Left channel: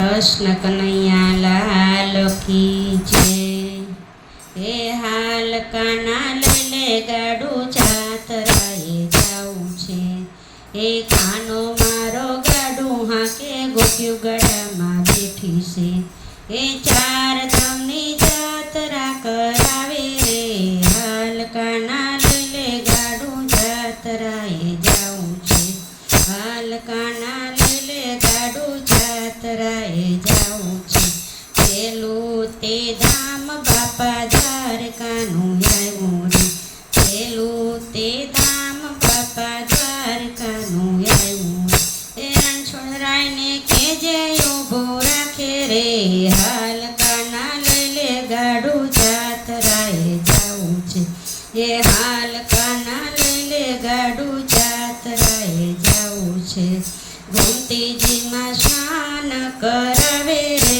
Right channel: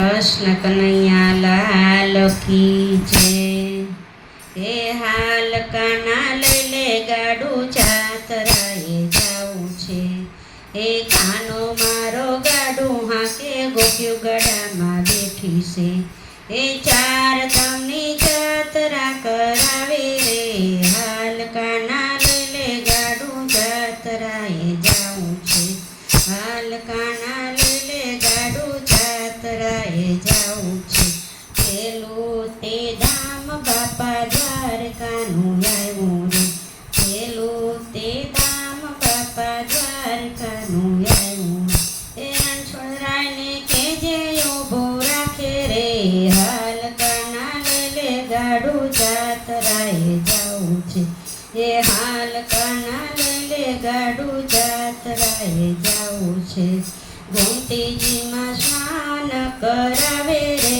कृष्ण कन्हैया लाल की जय। हे हाल काना ले गाडू जातराए जाऊं छे। हे कानो मारो गाडू हाके गोप्यु गळामां बेठी छे। हे चार धामनी जातरा करावे रे। हाल काना ले गाडू जातराए जाऊं छे। हाल काना ले गाडू जातराए जाऊं छे। पेલું તે ધામ બાપા દ્વારકાનું આવ્યું રે। પેલું તે ધામ બાપા દ્વારકાનું આવ્યું। એ રણછોડરાયને કેજે ઊભો રાખે રે। હાલ કાના લે ગાડું જાતરાએ જાવું છે। એ હાલ કાના લે ગાડું જાતરાએ જાવું છે। ગોમતીજીમાં સ્નાન કરાવે રે।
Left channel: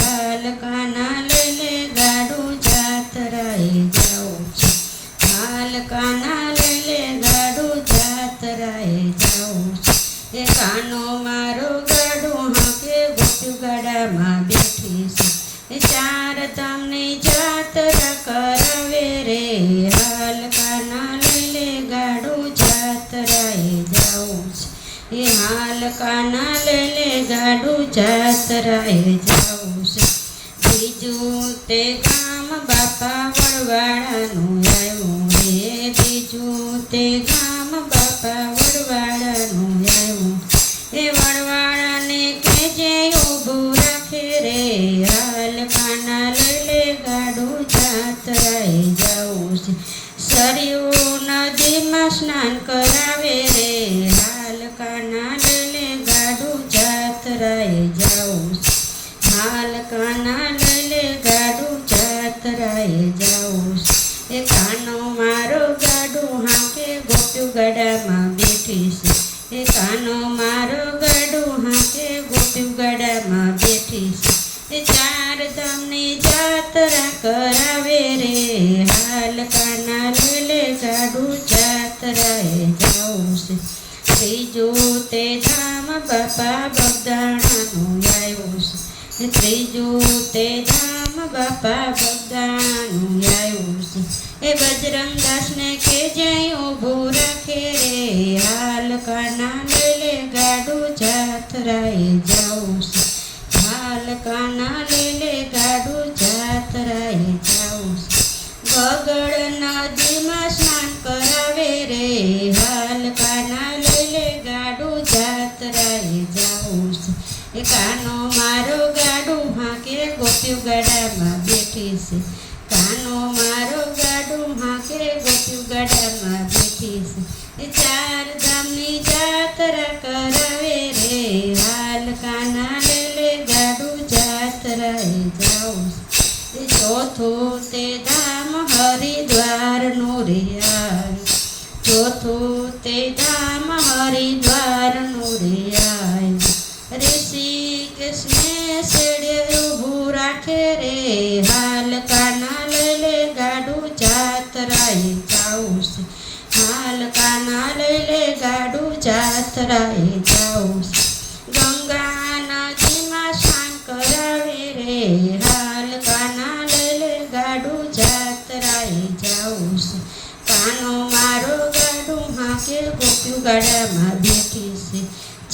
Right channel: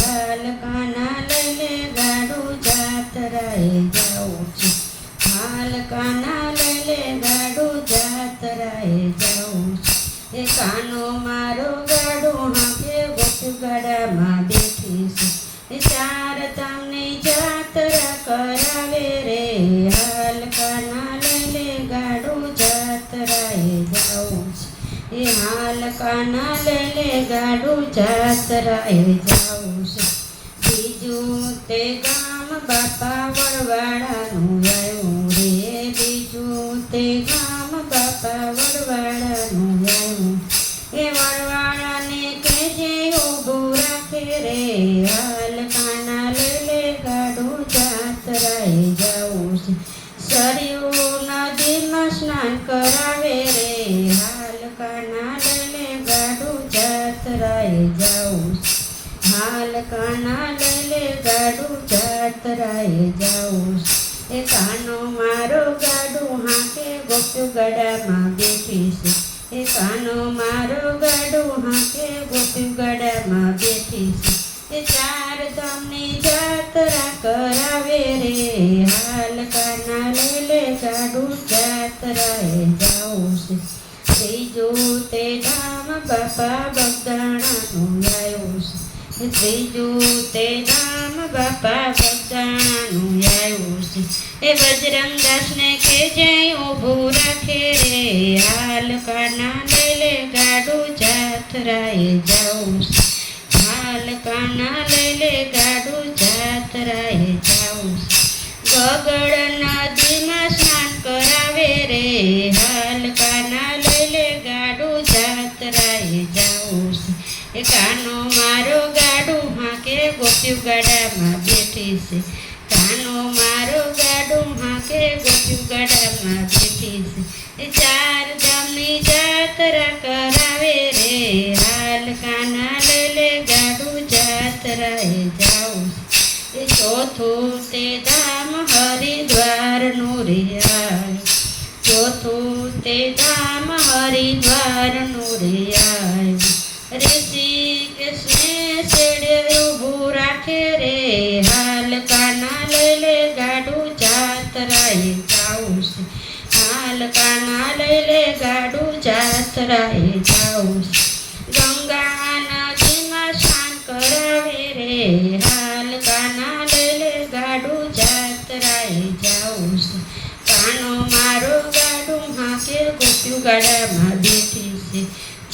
હાલ કાના લઈને ગાડું જાતરાએ જાવું છે। હાલ કાના લઈને ગાડું જાતરાએ જાવું છે। એ કાનો મારો ગાડું હાંકે ગોપ્યુ ગાડામાં બેઠી છે। એ ચાર ધામની જાતરા કરાવે રે। હાલ કાના લઈને ગાડું જાતરાએ જાવું છે। એ હાલ કાના લઈને ગાડું જાતરાએ જાવું છે। બીજું તે ગામ બાપા વડવાળાનું આવ્યું રે। બીજું તે ગામ બાપા વડવાળાનું આવ્યું। એ વડવાળાને કેજે ઊભું રાખે રે। હાલ કાના લઈને ગાડું જાતરાએ જાવું છે। સરયુ નદીમાં સ્નાન કરાવે રે। હાલ કાના લઈને ગાડું જાતરાએ જાવું છે। હાલ કાના લઈને ગાડું જાતરાએ જાવું છે। એ કાનો મારો ગાડું હાંકે ગોપ્યુ ગાડામાં બેઠી છે। એ કાનો મારો ગાડું હાંકે ગોપ્યુ ગાડામાં બેઠી છે। એ ચાર ધામની જાતરા કરાવે રે। હાલ કાના લઈને ગાડું જાતરાએ જાવું છે। ત્રીજું તે ધામ બાપા બગદાણાનું આવ્યું છે। ત્રીજું તે ધામ બાપા બગદાણાનું આવ્યું છે। એ બજરંગદાસને કેજે ઊભું રાખે રે। હાલ કાના લઈને ગાડું જાતરાએ જાવું છે। હાલ કાના લઈને ગાડું જાતરાએ જાવું છે। ગગડ નદીમાં સ્નાન કરાવે રે। હાલ કાના લઈને ગાડું જાતરાએ જાવું છે। એ કાનો મારો ગાડું હાંકે ગોપ્યુ ગાડામાં બેઠી છે। કાનો મારો ગાડું હાંકે ગોપ્યુ ગાડામાં બેઠી છે। એ ચાર ધામની જાતરા કરાવે રે। હાલ કાના લઈને ગાડું જાતરાએ જાવું છે। એ ચોથું તે ધામ હરિદ્વારનું રે। ચોથું તે ધામ હરિદ્વારનું રે। ઋષિકેશને છેડે ઊભું રાખે રે। હાલ કાના લઈને ગાડું જાતરાએ જાવું છે। હાલ કાના લઈને ગાડું જાતરાએ જાવું છે। ગંગા નદીમાં સ્નાન કરાવે રે। હાલ કાના લઈને ગાડું જાતરાએ જાવું છે। કાનો મારો ગાડું હાંકે ગોપ્યુ ગાડામાં બેઠી છે।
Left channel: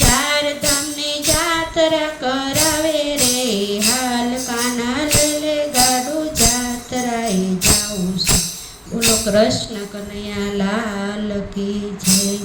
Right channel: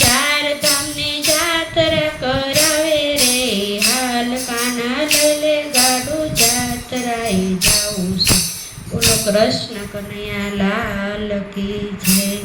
ચાર ધામની જાતરા કરાવે રે। હાલ કાના લઈને ગાડું જાતરાએ જાવું છે। બોલો કૃષ્ણ કનૈયા લાલ की जय।